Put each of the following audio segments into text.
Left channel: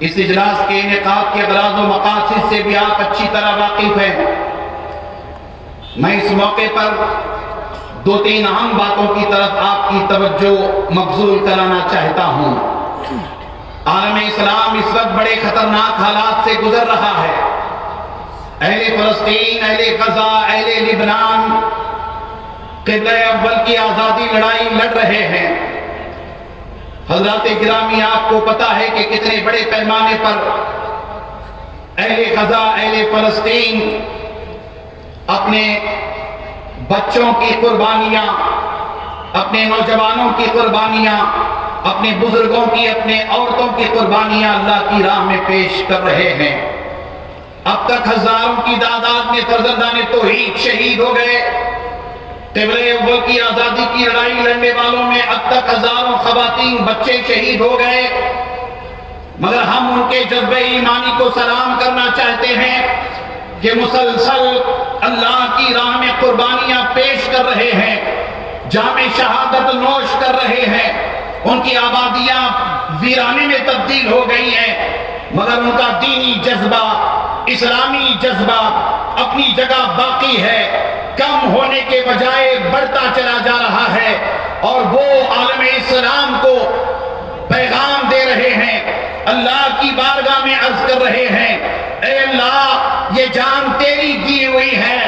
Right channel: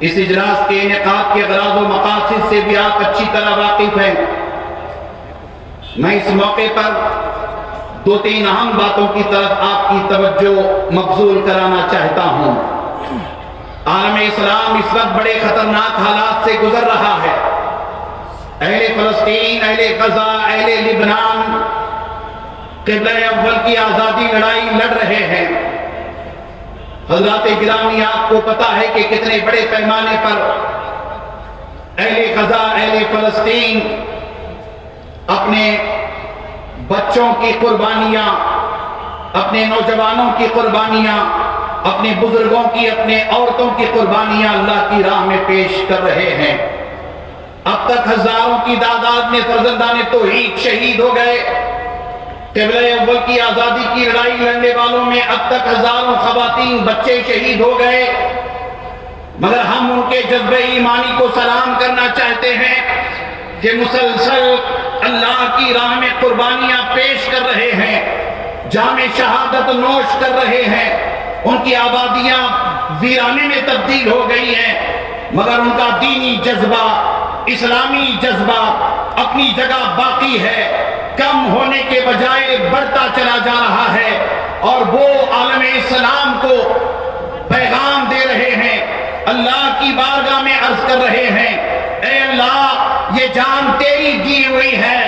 اس اجلاس کے انعقاد کے اغراض و مقاصد سے بھی آپ اچھی طرح واقف ہیں۔ میں اس موقع پر دو تین اہم باتوں کی طرف آپ کی توجہ مبذول کرانا چاہتا ہوں۔ عالم اسلام اس وقت بڑے خطرناک حالات سے گزر رہا ہے۔ اہل فلسطین، اہل غزہ، اہل لبنان قبلہ اول کی آزادی لڑائی لڑ رہے ہیں۔ حضرات گرامی، آپ کو پتا ہے کہ کتنے بڑے پیمانے پر اہل غزہ، اہل فلسطین اپنے بچوں کی قربانیاں، اپنے نوجوانوں کی قربانیاں، اپنے بزرگوں کی، اپنے عورتوں کی قربانیاں اللہ کی راہ میں پیش کر رہے ہیں۔ اب تک ہزاروں کی تعداد میں فرزندان توحید شہید ہو گئے۔ قبلہ اول کی آزادی کی لڑائی لڑنے والوں میں اب تک ہزاروں خواتین، بچے شہید ہو گئے، مگر ہم ان کے جذبہ ایمانی کو سلام کرنا چاہتے ہیں کہ مسلسل اللہ کی راہ میں قربانیاں پیش کر رہے ہیں، جام شہادت نوش کر رہے ہیں۔ ان کی آبادیاں ویرانے میں تبدیل ہو گئی ہیں، مگر ان کا دینی جذبہ، اسلامی جذبہ اپنی جگہ باقی ہے، کم ہونے کے بجائے بڑھتا چلا جا رہا ہے۔ اور وہ عالم اسلام کو پیغام دے رہے ہیں، اللہ کی بارگاہ میں عرض کر رہے ہیں، اے اللہ یہ جان تیری دی ہوئی ہے،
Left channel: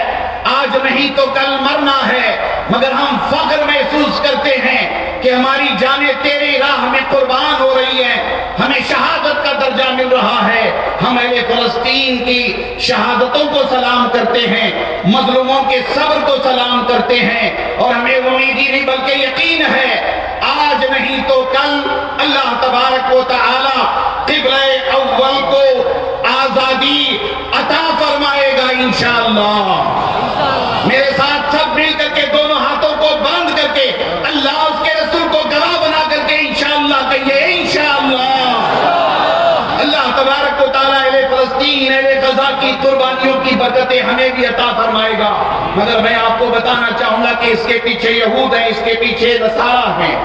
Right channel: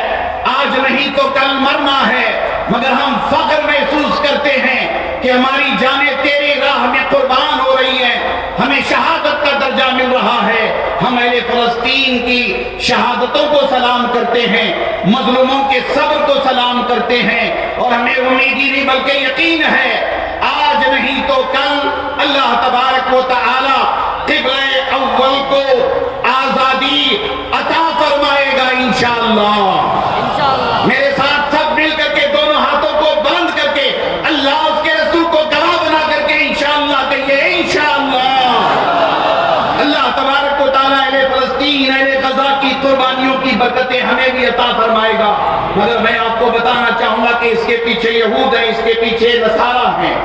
آج نہیں تو کل مرنا ہے، مگر ہم فخر محسوس کرتے ہیں کہ ہماری جانیں تیری راہ میں قربان ہو رہی ہیں، ہمیں شہادت کا درجہ مل رہا ہے۔ ہم اہل فلسطین کی شہادتوں کو سلام کرتے ہیں، مظلوموں کے صبر کو سلام کرتے ہیں، اور ہمیں امید ہی نہیں بلکہ یقین ہے آج نہیں تو کل اللہ تبارک و تعالی قبلہ اول کو آزادی عطا فرمائے گا انشاءاللہ۔ میرے ساتھ سب مل کر کے دونوں ہاتھوں کو بلند کر کے اللہ اس کے رسول کو گواہ بنا کر کے انشاءاللہ کہیے، انشاءاللہ۔ اللہ تبارک و تعالیٰ اہل فلسطین، اہل غزہ کی قربانیوں کی برکتیں ہمیں بھی عطا فرمائے گا، مگر میں آپ کو بتانا چاہوں گا کہ اس کے پیچھے یہود ہیں، اس کے پیچھے نصارہ ہیں۔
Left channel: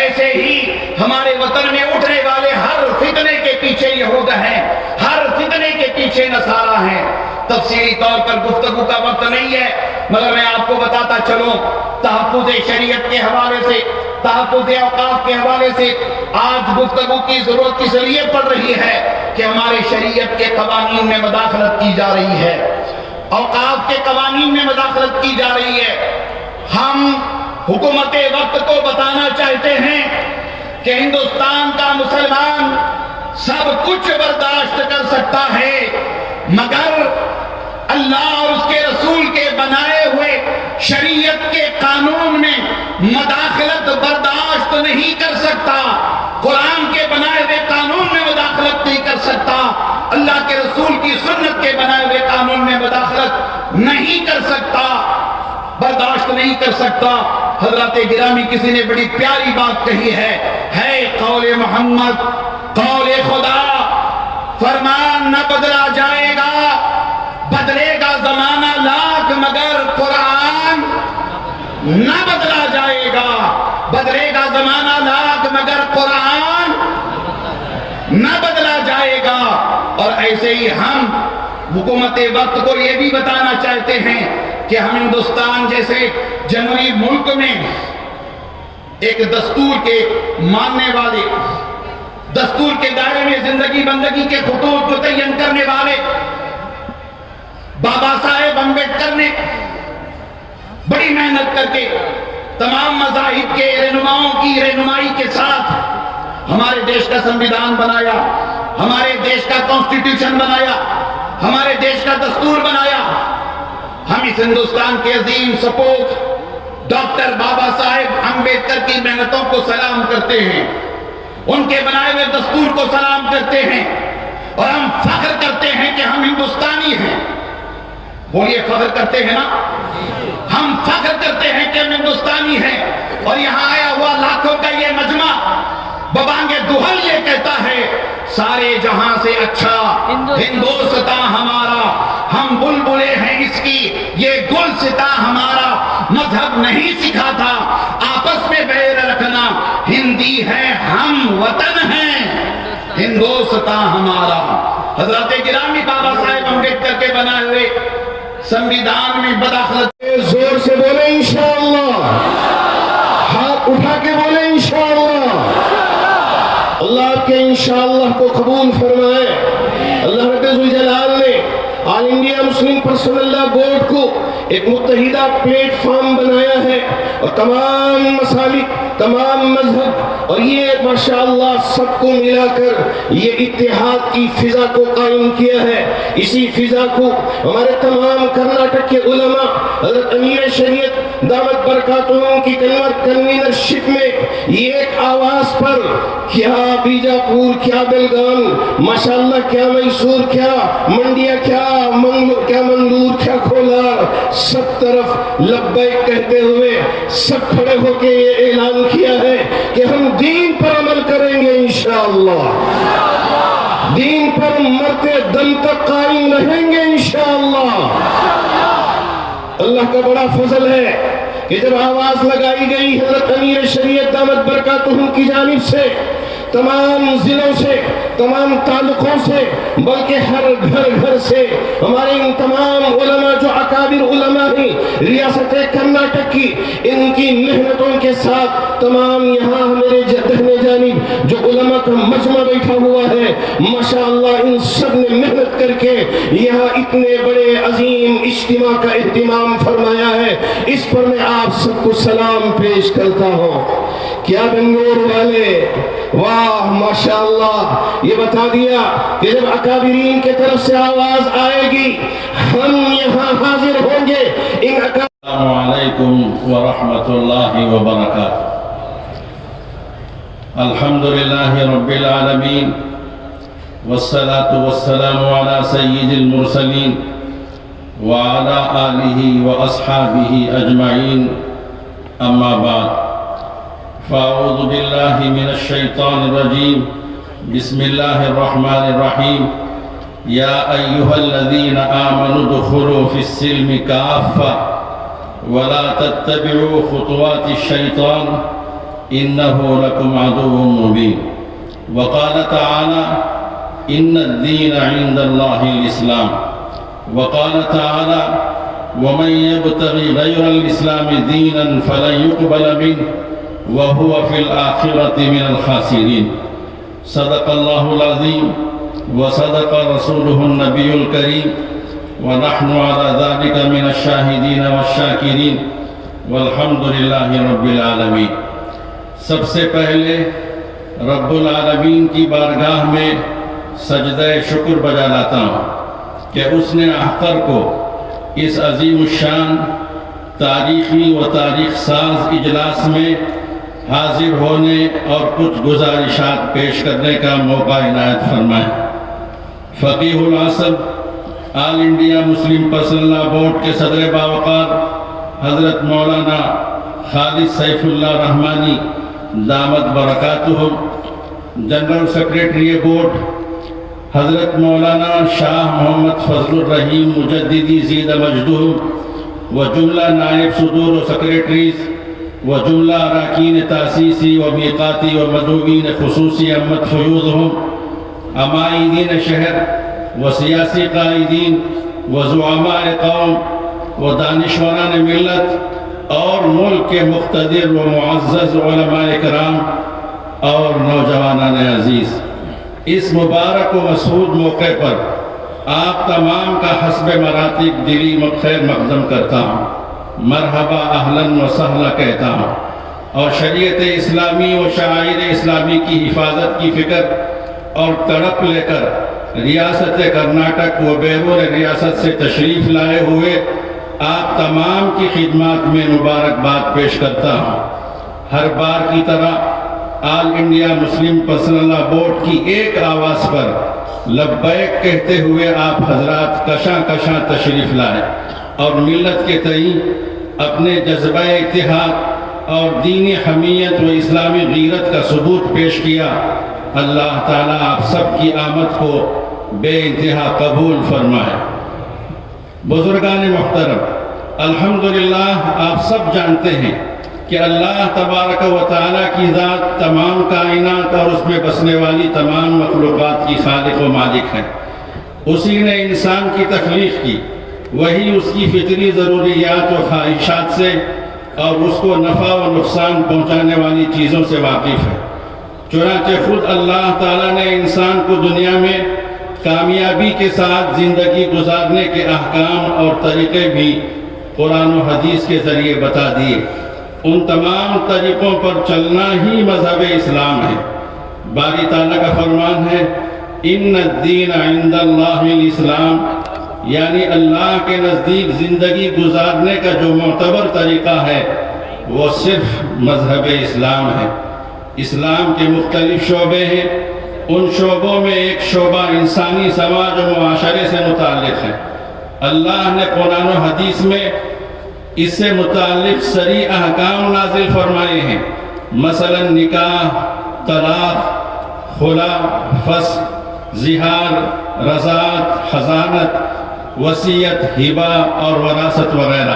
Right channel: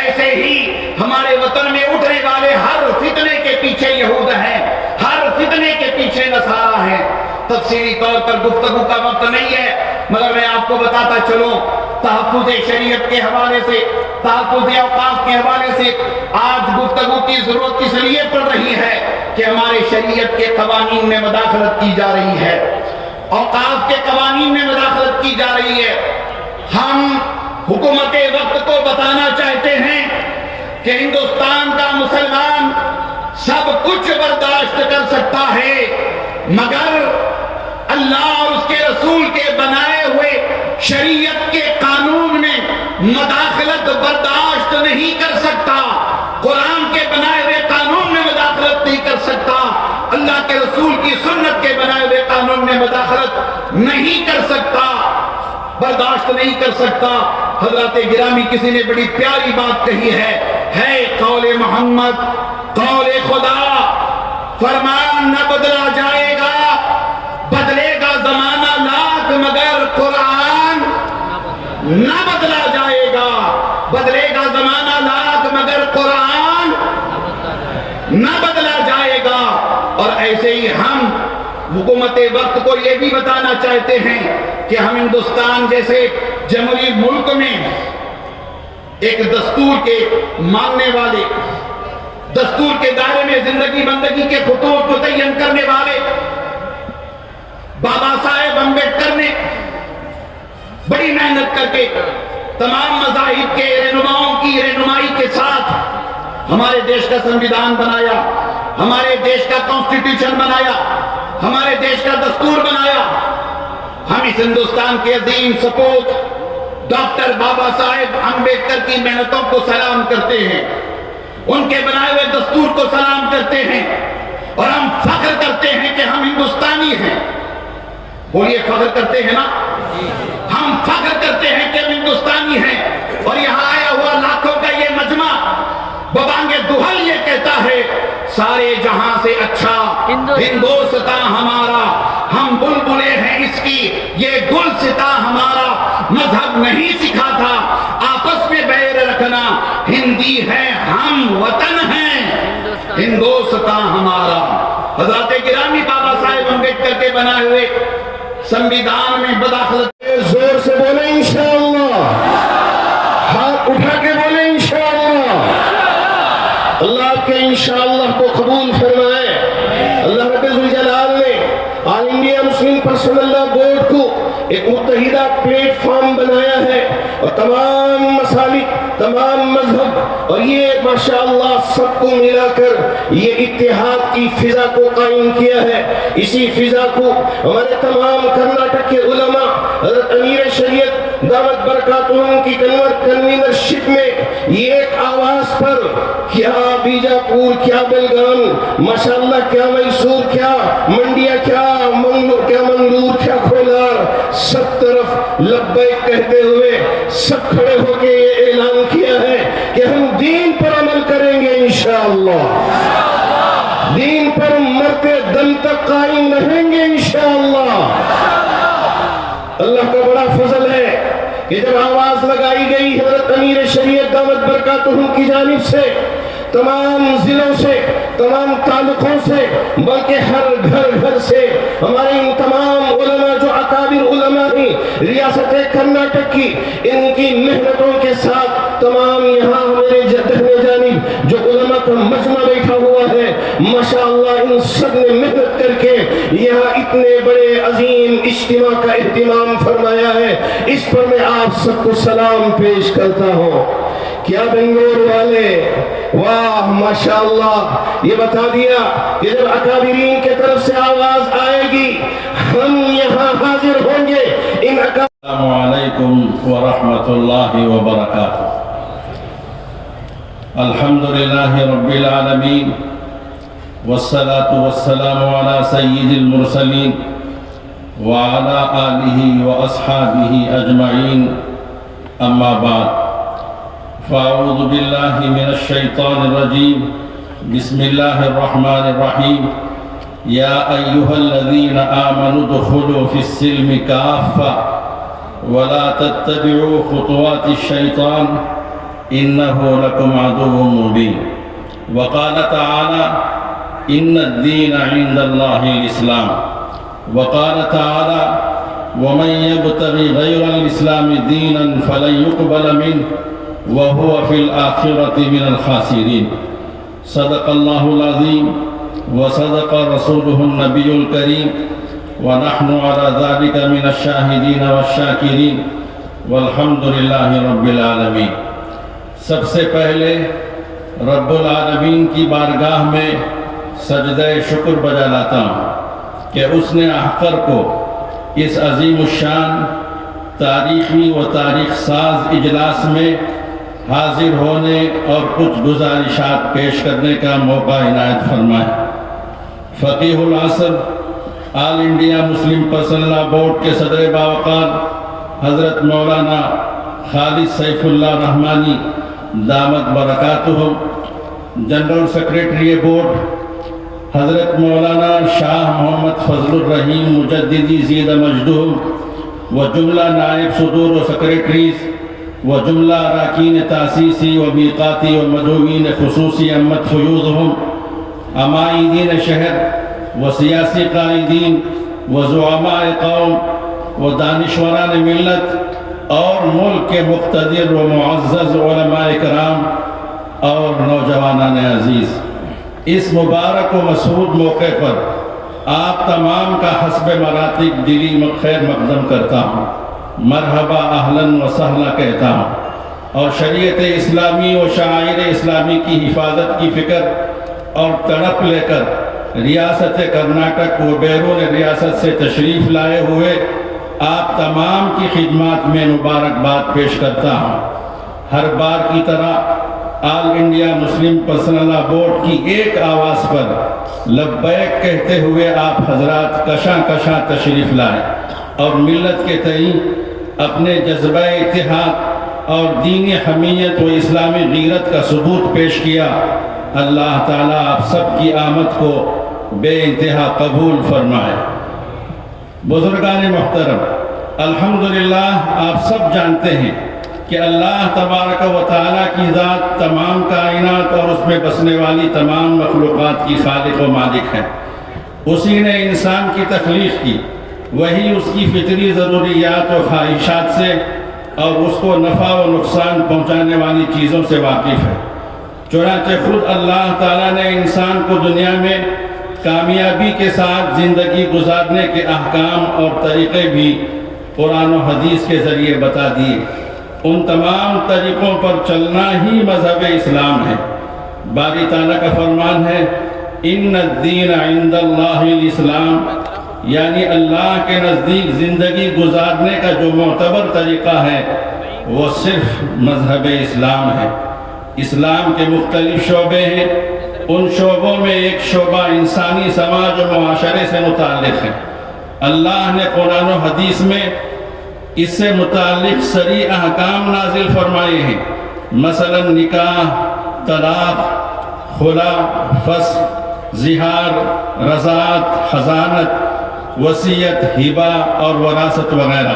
ایسے ہی ہمارے وطن میں اٹھنے والے ہر فتنے کے پیچھے یہود ہیں، ہر فتنے کے پیچھے نصارہ ہیں۔ تفصیلی طور پر گفتگو کا وقت نہیں ہے، مگر میں آپ کو بتاتا چلوں، تحفظ شریعت کے حوالے سے، تحفظ اوقاف کے حوالے سے آج گفتگو کی ضرورت اس لیے پڑ رہی ہے کہ ہمارے شریعت کے قوانین میں مداخلت کی جا رہی ہے، اوقاف کے قوانین میں مداخلت کی جا رہی ہے۔ ہم حکومت وقت کو بتانا چاہتے ہیں کہ ہندوستان کا مسلمان سب کچھ برداشت کر سکتا ہے، مگر اللہ اور اس کے رسول کے بنائے ہوئے شریعت کے قانون میں مداخلت برداشت نہیں کر سکتا، قرآن کے بنائے ہوئے قانون میں مداخلت نہیں کر سکتا، اللہ کے رسول کی سنت کے بنائے ہوئے قانون میں مداخلت نہیں کر سکتا، برداشت نہیں کر سکتا۔ حضرات گرامی، کسی نے بڑی پیاری بات کہی ہے قول محمد، قول خدا، فرمان نہ بدلا جائے گا، بدلے گا زمانہ لاکھ مگر قرآن نہ بدلا جائے گا، بدلے گا زمانہ لاکھ مگر قرآن نہ بدلا جائے گا۔ اور ایسے ہی ہم حکومت وقت کو یہ بھی بتانا چاہتے ہیں کہ ہم ہندوستان جیسے جمہوری ملک میں ایک دستور کے ماننے والے، دستور کے دائرے میں زندگی بندگی کے خطوط متعین کرنے والے بابا صاحب امبیڈکر نے بڑی محنت کر کے تمام مذاہب کے رہنماؤں کی رہنمائی کے ساتھ ہمارے دیش کا سنویدھان بنایا، ہمارے دیش کا کانسٹیٹیوشن بنایا، ہمارے دیش کا دستور بنایا۔ ہم اس ہندوستان کے عظیم سپوت ڈاکٹر بابا صاحب امبیڈکر کی محنتوں کو سلام کرتے ہیں، ان کے بنائے ہوئے دستور کو سلام کرتے ہیں، اور ہم فخر کرتے ہیں کہ ہم ہندوستانی ہیں۔ بولیے، فخر کرتے ہیں نا؟ ہم فخر کرتے ہیں کہ ہم ہندوستانی ہیں، اور یہاں آیا ہوا لاکھوں کا یہ مجمع ببانگ دہل یہ کہتا ہے، سارے جہاں سے اچھا ہندوستان ہمارا، ہم بلبلے ہیں اس کی، یہ گلستاں ہمارا، مذہب نہیں سکھاتا آپس میں بیر رکھنا، ہندی ہے ہم وطن ہیں، ہندوستان ہمارا۔ حضرات گرامی بابا صاحب امبیڈکر کے بنائے ہوئے سنویدھان میں بداخلت زور سے بولیں انشاءاللہ، ہاتھ اٹھا کے بولیں انشاءاللہ۔ اللہ آپ کے انشاءاللہ کو قبول فرمائے۔ اللہ رب ذوالجلال نے آل انڈیا مسلم پرسنل لا بورڈ کو ایک متحدہ پلیٹ فارم بنایا ہے، اور تمام مسالک، تمام مذہب، اور یہ ماشاءاللہ سب کو ملا کر یہ اتحاد کی فضا کو قائم کیا ہے۔ اسی فضا کو ہمارے تمام کرناٹک کے علماء، حضرت امیر شریعت دامت برکاتہم کی کنوینرشپ میں یہ ایک آواز پر، کیا بیجاپور، کیا بلگام، ماشاءاللہ کیا میسور، کیا منڈیا، کیا مندور، کیا کھولار، سب طرف لبیک کہتے ہوئے سب کھڑے ہو کے یہ اعلان کیا ہے کہ ہم دین پر عمل کریں گے انشاءاللہ، دین پر مرتے دم تک قائم رہیں گے انشاءاللہ۔ اللہ کا بڑا فضل ہے کہ جب آواز لگائی گئی حضرت امیر شریعت دامت برکاتہم کی جانب سے، تمام ضلعوں سے، تمام تعلقوں سے، بلکہ ہر گھر سے ہمارے ان تمام علماء جو اکابر علماء ہیں ریاست کرناٹک کی، ان کی محنتوں کے ساتھ تمام یہاں میرے دہنے جانب جو علماء کا مجمع بیٹھا ہوا ہے، ماشاءاللہ ان سب نے محنت کر کے یہاں اتنے بڑے عظیم اجتماع کا اہتمام فرمایا ہے۔ اس پر میں آپ سب کو سلام پیش کرتا ہوں۔ کیا بنگلور والے، واہ ماشاءاللہ، یہ بتا دیا کہ جب اکابرین کے طرف سے آواز آئے گی ہم یہاں حاضر ہوں گے۔ السلام علیکم ورحمۃ اللہ وبرکاتہ۔ الحمدللہ رب العالمین والصلاة والسلام علی سید المرسلین وعلی آلہ واصحابہ اجمعین، اما بعد، فاعوذ باللہ من الشیطان الرجیم، بسم اللہ الرحمن الرحیم، یا ایہا الذین آمنوا ادخلوا فی السلم کافہ ولا تتبعوا خطوات الشیطان انہ لکم عدو مبین۔ وقال تعالی ان الدین عند اللہ الاسلام۔ وقال تعالی ومن يبتغ غیر الاسلام دینا فلن يقبل منه وهو في الآخرة من الخاسرين۔ صدق الله العظيم وصدق رسوله النبي الكريم، ونحن على ذلك من الشاهدين والشاكرين، والحمد لله رب العالمين۔ سب سے پہلے رب العالمین کی بارگاہ میں سجدہ شکر بجا لاتا ہوں کہ اس نے احقر کو اس عظیم الشان تاریخی و تاریخ ساز اجلاس میں حاضر ہونے اور کچھ گزارشات پیش کرنے کا موقع عنایت فرمائے۔ فقیہ العصر، آل انڈیا مسلم پرسنل لا بورڈ کے صدر باوقار حضرت مولانا خالد سیف اللہ رحمانی دامت برکاتہم، جنرل سیکریٹری بورڈ حضرت مولانا شاہ محمد فضل الرحیم مجددی زید مجدہم، و جملہ نائب صدور و سیکریٹریز، و جملہ اراکین تاسیسی و میقاتی و مدعوین خصوصی امت فیوضہم، عمائدین شہر و سیاسی قائدین و زعماء قوم و دانشوران ملت اور ملک کے مقتدر و معزز علماء کرام اور نوجوانان عزیز، اس مبارک و مسعود موقع پر آپ تمام کا حسب مراتب دلی خیر مقدم کرتا ہوں، مرحبا اہلاً و سہلا کہتا ہوں، اور شریعت اسلامی و شعائر اسلامی کی حفاظت کی فکر اور تڑپ لے کر ریاست کرناٹک و بیرون ریاست سے تشریف لائے ہوئے آپ تمام کی خدمات میں مبارکباد پیش کرتا ہوں۔ ہر بار کی طرح آل انڈیا مسلم پرسنل لا بورڈ کی ایک آواز پر لبیک کہتے ہوئے آپ حضرات کشاں کشاں تشریف لائے اور ملت کے تئیں اپنے جذبہ اتحاد اور دین حمیت و اسلامی غیرت کا ثبوت پیش کیا۔ اللہ تعالیٰ آپ سب کی آمد کو بے انتہا قبول فرمائے۔ بزرگان محترم، الحمدللہ آپ سب جانتے ہیں کہ اللہ تبارک و تعالیٰ کی ذات تمام کائنات اور اس میں بسنے والی تمام مخلوقات کی خالق و مالک ہے۔ اسی نے انسان کی تخلیق کی، وہی اس کی فطری ضروریات و خواہشات سے اور اس کو نفع و نقصان پہنچانے والی چیزوں سے واقف ہے۔ چنانچہ خود اللہ تعالیٰ نے انسان کو دنیا میں کامیابی کے ساتھ زندگی گزارنے کے احکام اور طریقے بھی قرآن و حدیث کے ذریعے بتا دیے۔ ان تمام طریقوں پر چلنا ہی مذہب اسلام ہے۔ باری تعالیٰ کا فرمان ہے ان الدین عند اللہ الاسلام، یعنی اللہ کے نزدیک زندگی گزارنے کا جو معتبر طریقہ ہے وہ صرف مذہب اسلام ہے۔ اسلام کے مختلف شعبے ہیں، ان شعبوں میں ایک شعبہ انسانی سماج و معاشرے سے متعلق ہے۔ اللہ نے قرآن و حدیث میں اس سے متعلق صریح احکام نازل فرمائے ہیں، مثلا نکاح، طلاق، خلا، فسخ، زہار، رضاعت، حضانت، وصیت، ہبہ اور وراثت وغیرہ۔